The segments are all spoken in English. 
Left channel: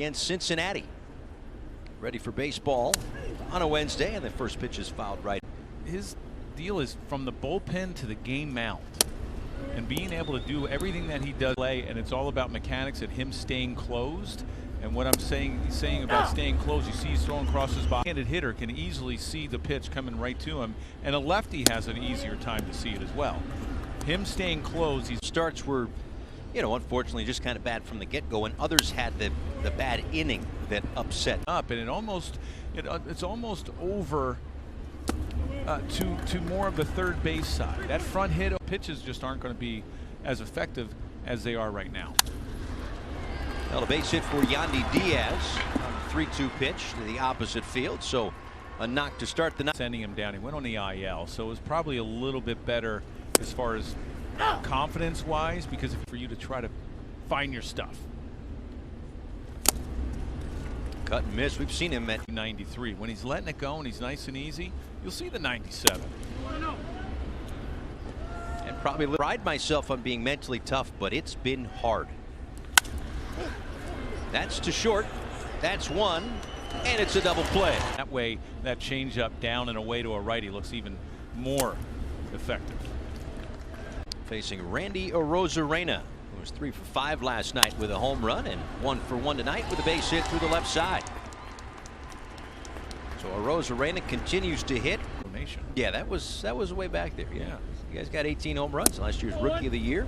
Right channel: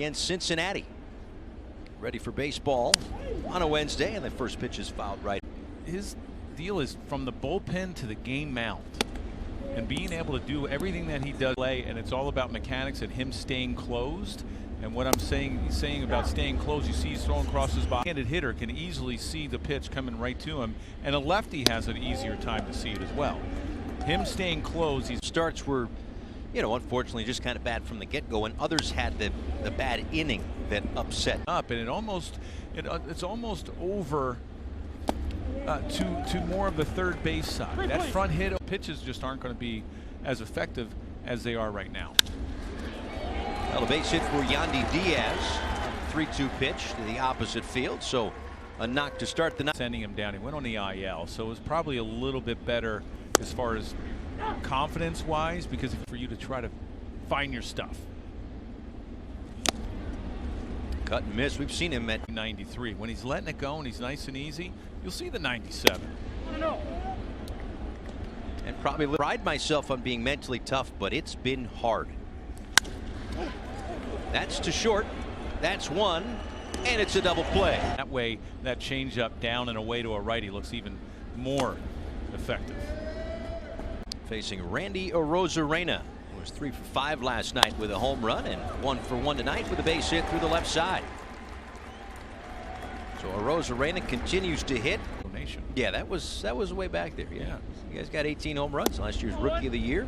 against Cincinnati. Ready for baseball on a Wednesday, and the first pitch is fouled right. His deal is from the bullpen to the game mound, and being able to do everything that he does play, and it's all about mechanics and him staying closed. And what I'm saying about staying closed, you see he's throwing across his body. A handed hitter can easily see the pitch coming right to him, and a lefty has an easier time to see it as well. Him staying closed, he starts were, you know, unfortunately just kind of bad from the get-go, and others had the bad inning that upset up, and it's almost over to more of the third base side. That front hit pitches just aren't going to be as effective as they are right now. Well, a base hit for Yandy Diaz on the 3-2 pitch to the opposite field, so a knock to start the night. Sending him down, he went on the IL, so it was probably a little bit better as far as confidence-wise, because for you to try to find your stuff. Cut and miss. We've seen him at 93. When he's letting it go and he's nice and easy, you'll see the 97. And probably pride myself on being mentally tough, but it's been hard. That's to short. That's one, and it's a double play. That way, that changeup down and away to a righty looks even more effective. Facing Randy Arozarena, who was 3 for 5 last night with a home run, and 1 for 1 tonight with a base hit through the left side. So Arozarena continues to hit. Donation. Yeah, that was way back there. Yeah, you guys got 18 home runs. Last year's Rookie of the Year.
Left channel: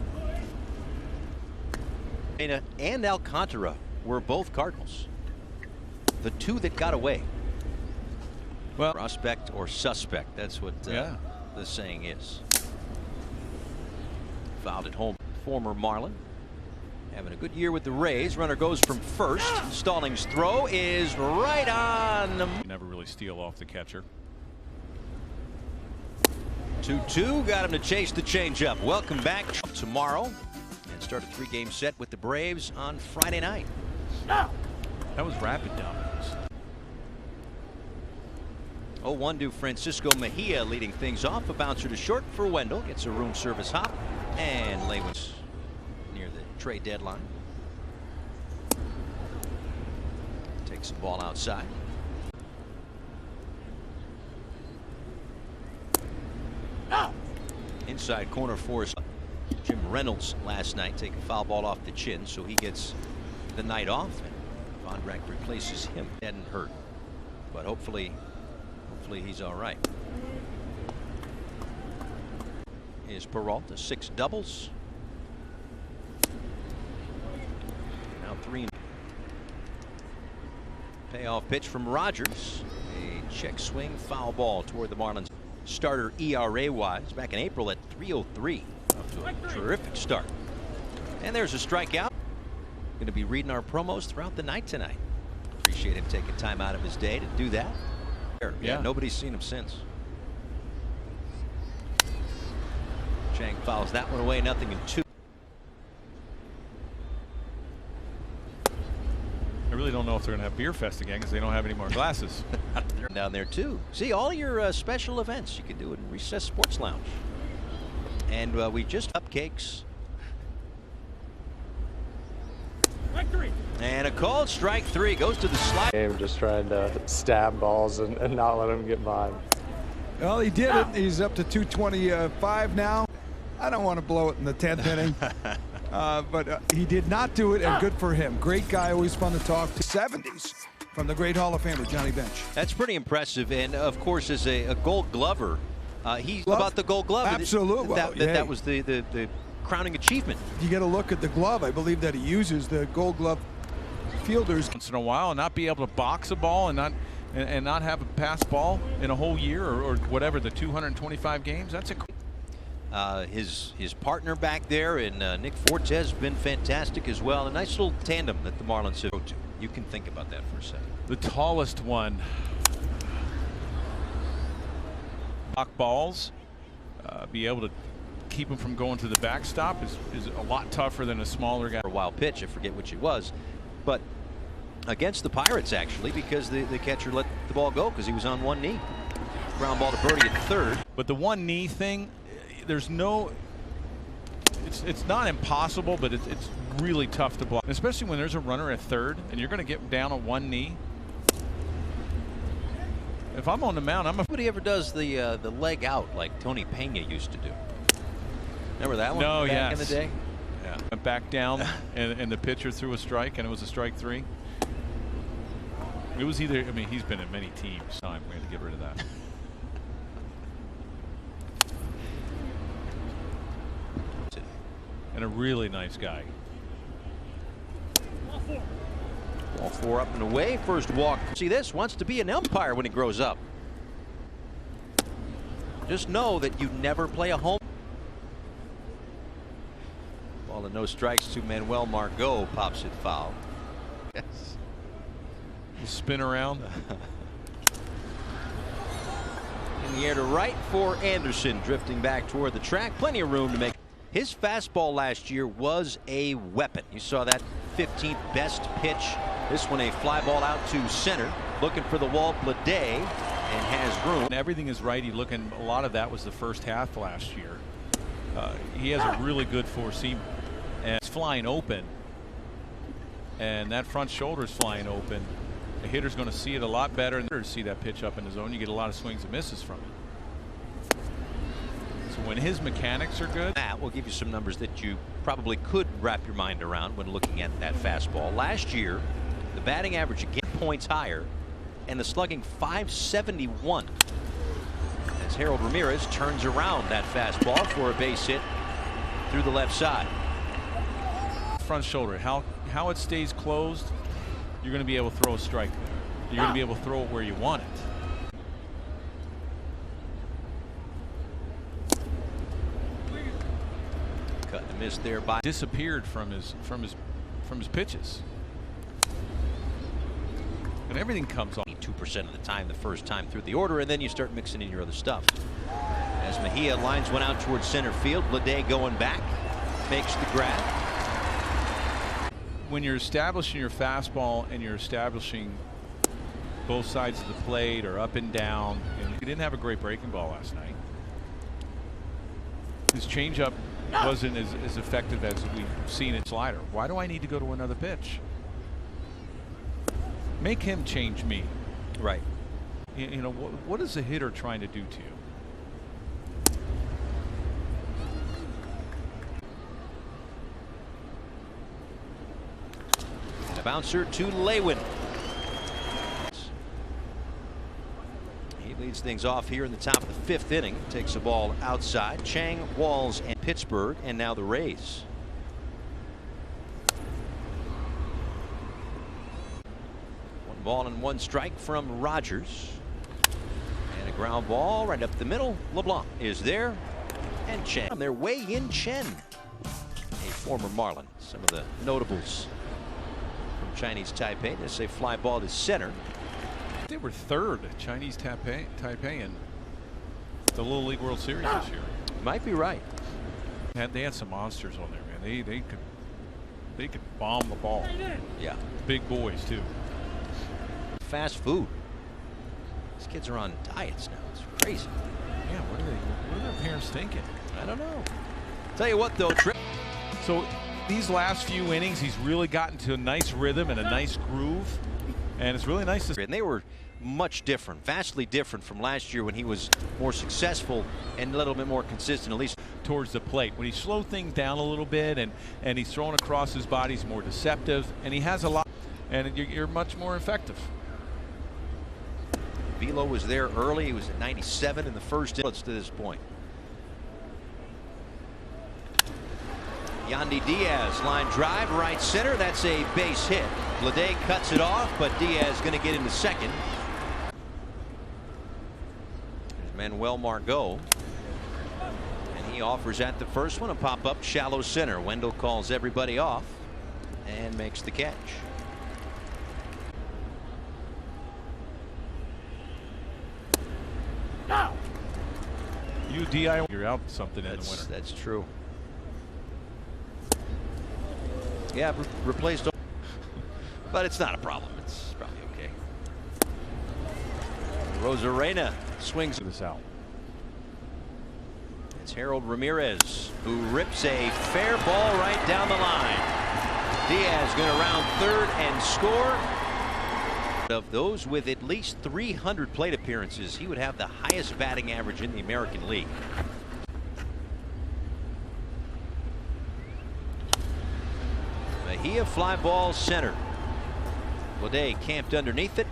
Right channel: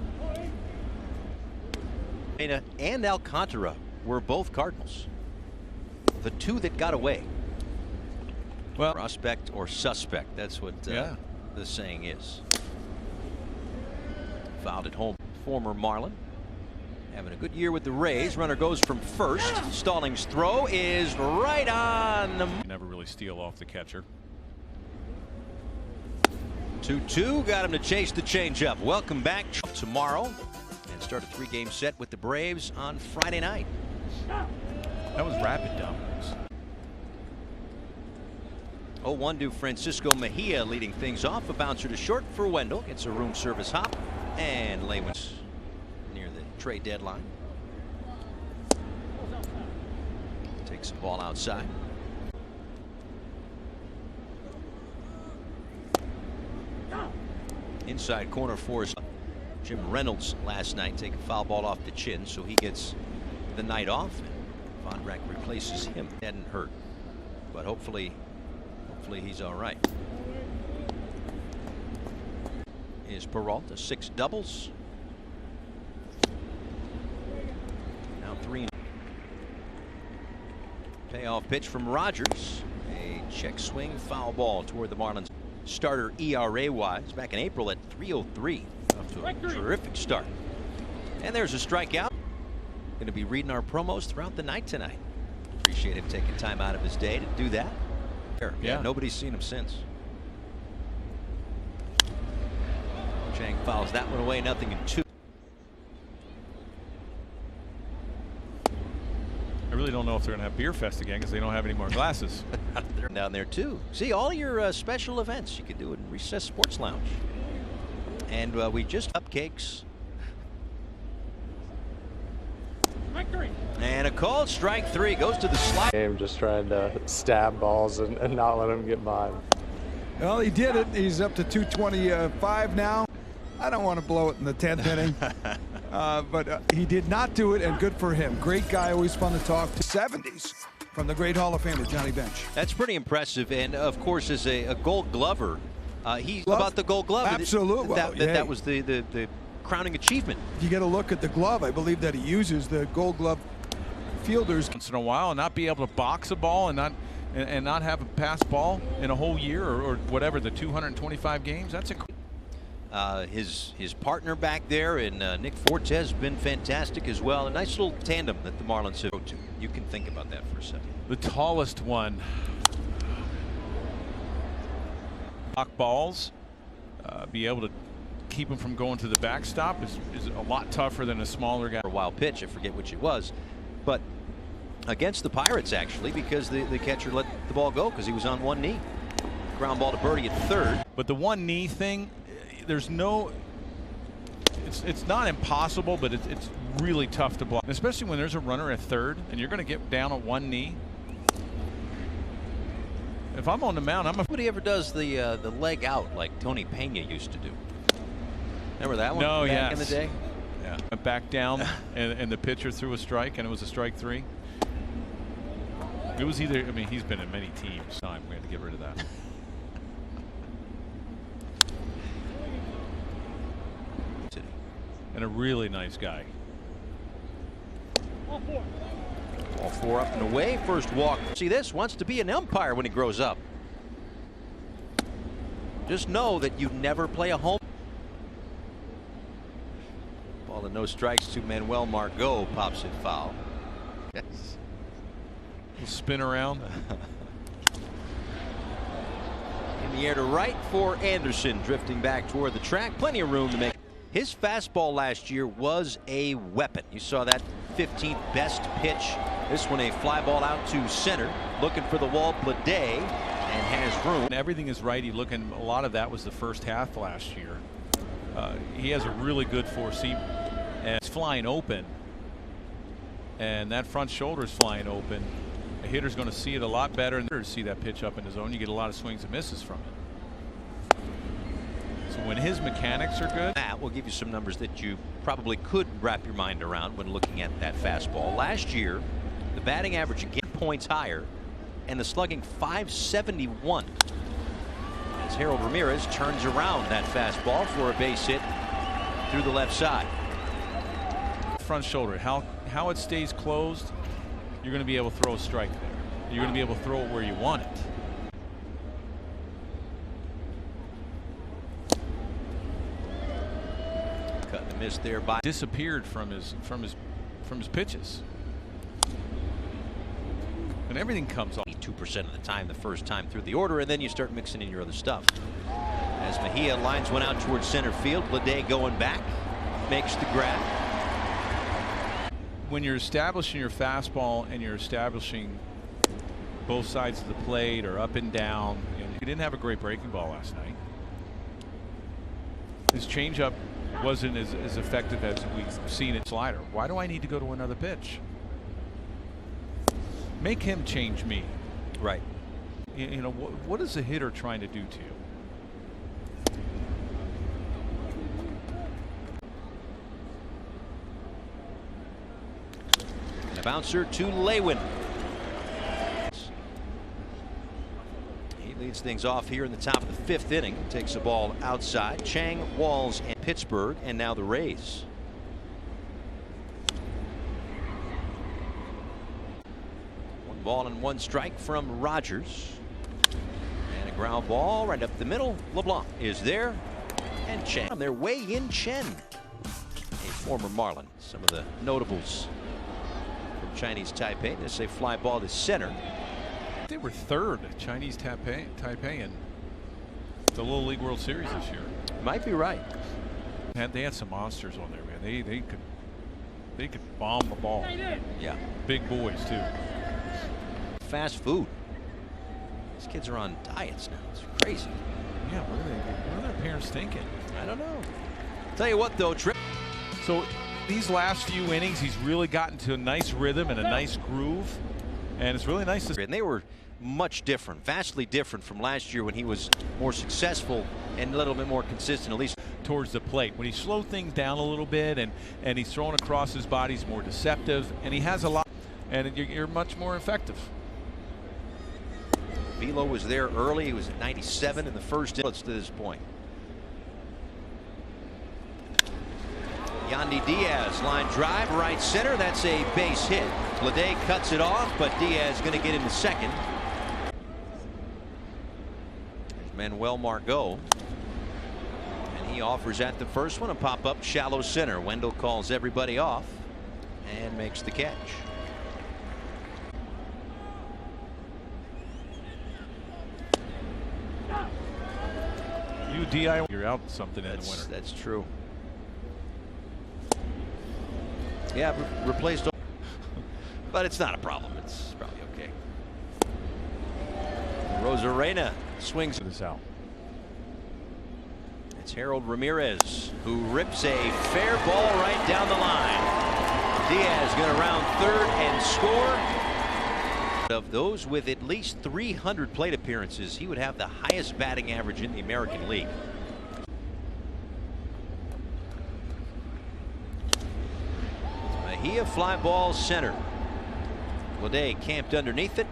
And Alcantara were both Cardinals. The two that got away. Well, prospect or suspect. That's what the saying is. Fouled at home. Former Marlin. Having a good year with the Rays. Runner goes from first. Stallings' throw is right on. You never really steal off the catcher. 2-2. Got him to chase the changeup. Welcome back tomorrow. And start a 3-game set with the Braves on Friday night. That was rapid dominance. 0-1 to Francisco Mejia leading things off. A bouncer to short for Wendell. Gets a room service hop. And Lewin's near the trade deadline. Takes the ball outside. Inside corner for Jim Reynolds last night. Take a foul ball off the chin, so he gets the night off, and Von Rack replaces him. Hadn't hurt, but hopefully he's all right. Is Peralta 6 doubles. Now 3. Payoff pitch from Rogers. A check swing foul ball toward the Marlins. Starter ERA wise back in April at 3.03. Off to a terrific start. And there's a strikeout. Going to be reading our promos throughout the night tonight. Appreciate him taking time out of his day to do that. Yeah, nobody's seen him since. Chang fouls that one away, 0-2. I really don't know if they're going to have Beer Fest again because they don't have any more glasses. They're down there too. See, all your special events you can do in Recess Sports Lounge. And we just cupcakes. And a called strike 3 goes to the slide. Game just trying to stab balls and not let him get by. Well, he did it. He's up to 225 now. I don't want to blow it in the 10th inning, but he did not do it, and good for him. Great guy, always fun to talk to. 70s from the great Hall of Famer Johnny Bench. That's pretty impressive, and of course, as a Gold Glover, he's about the Gold Glove. Absolutely, that was the crowning achievement. You get a look at the glove. I believe that he uses the Gold Glove fielders once in a while, and not be able to box a ball and not have a pass ball in a whole year or whatever, the 225 games. That's incredible. His partner back there and Nick Fortes has been fantastic as well. A nice little tandem that the Marlins have go to. You can think about that for a second. The tallest one. Block balls, be able to keep him from going to the backstop is a lot tougher than a smaller guy. A wild pitch, I forget which it was, but against the Pirates actually, because the catcher let the ball go because he was on one knee. Ground ball to Birdie at third. But the one knee thing, it's It's not impossible, but it's really tough to block, especially when there's a runner at third and you're going to get down on one knee. If I'm on the mound, nobody ever does the leg out like Tony Pena used to do. Remember that one? No, back in the day. Yeah, went back down and the pitcher threw a strike and it was a strike 3. It was either, I mean, he's been in many teams. We had to get rid of that. And a really nice guy. Ball 4 up and away. First walk. See this? Wants to be an umpire when he grows up. Just know that you never play a home. Ball and no strikes to Manuel Margot. Pops it foul. Yes. We'll spin around. In the air to right for Anderson. Drifting back toward the track. Plenty of room to make. His fastball last year was a weapon. You saw that 15th best pitch. This one a fly ball out to center. Looking for the wall. Blade and has room. Everything is righty looking. A lot of that was the first half last year. He has a really good four-seamer. And it's flying open. And that front shoulder is flying open. A hitter's going to see it a lot better. And to see that pitch up in the zone, you get a lot of swings and misses from it. So when his mechanics are good, that will give you some numbers that you probably could wrap your mind around when looking at that fastball. Last year, the batting average again points higher, and the slugging 571. As Harold Ramirez turns around that fastball for a base hit through the left side. Front shoulder, how it stays closed, you're going to be able to throw a strike there. You're going to be able to throw it where you want it. Cut and miss there by disappeared from his pitches, and everything comes off 2% of the time the first time through the order, and then you start mixing in your other stuff. As Mejia lines one out towards center field, Blade going back, makes the grab. When you're establishing your fastball and you're establishing both sides of the plate or up and down, and he didn't have a great breaking ball last night. His changeup wasn't as effective as we've seen it. Slider. Why do I need to go to another pitch? Make him change me. Right. You know, what is a hitter trying to do to you? And a bouncer to Lewin. He leads things off here in the top of the 5th inning. Takes the ball outside. Chang, Walls, and Pittsburgh, and now the Rays. One ball and one strike from Rogers. And a ground ball right up the middle. LeBlanc is there. And Chen. On their way in, Chen, a former Marlin. Some of the notables from Chinese Taipei. This is a fly ball to center. They were third Chinese Taipei in the Little League World Series this year. Might be right. They had some monsters on there, man. They could bomb the ball. Yeah. Big boys too. Fast food. These kids are on diets now. It's crazy. Yeah. What are their parents thinking? I don't know. Tell you what though, so these last few innings, he's really gotten to a nice rhythm and a nice groove. And it's really nice to see. And they were much different, vastly different from last year when he was more successful and a little bit more consistent, at least towards the plate. When he slowed things down a little bit and he's throwing across his body, he's more deceptive, and he has a lot, and you're much more effective. Velo was there early. He was at 97 in the first inning to this point. Yandy Diaz, line drive, right center. That's a base hit. Blade cuts it off, but Diaz going to get into second. There's Manuel Margot. And he offers at the first one, a pop-up shallow center. Wendell calls everybody off and makes the catch. You're out something in the winter. That's true. Yeah, replaced. But it's not a problem. It's probably okay. Rosarena swings this out. It's Harold Ramirez who rips a fair ball right down the line. Diaz going to round third and score. Of those with at least 300 plate appearances, he would have the highest batting average in the American League. Mejia fly ball center. Lede camped underneath it.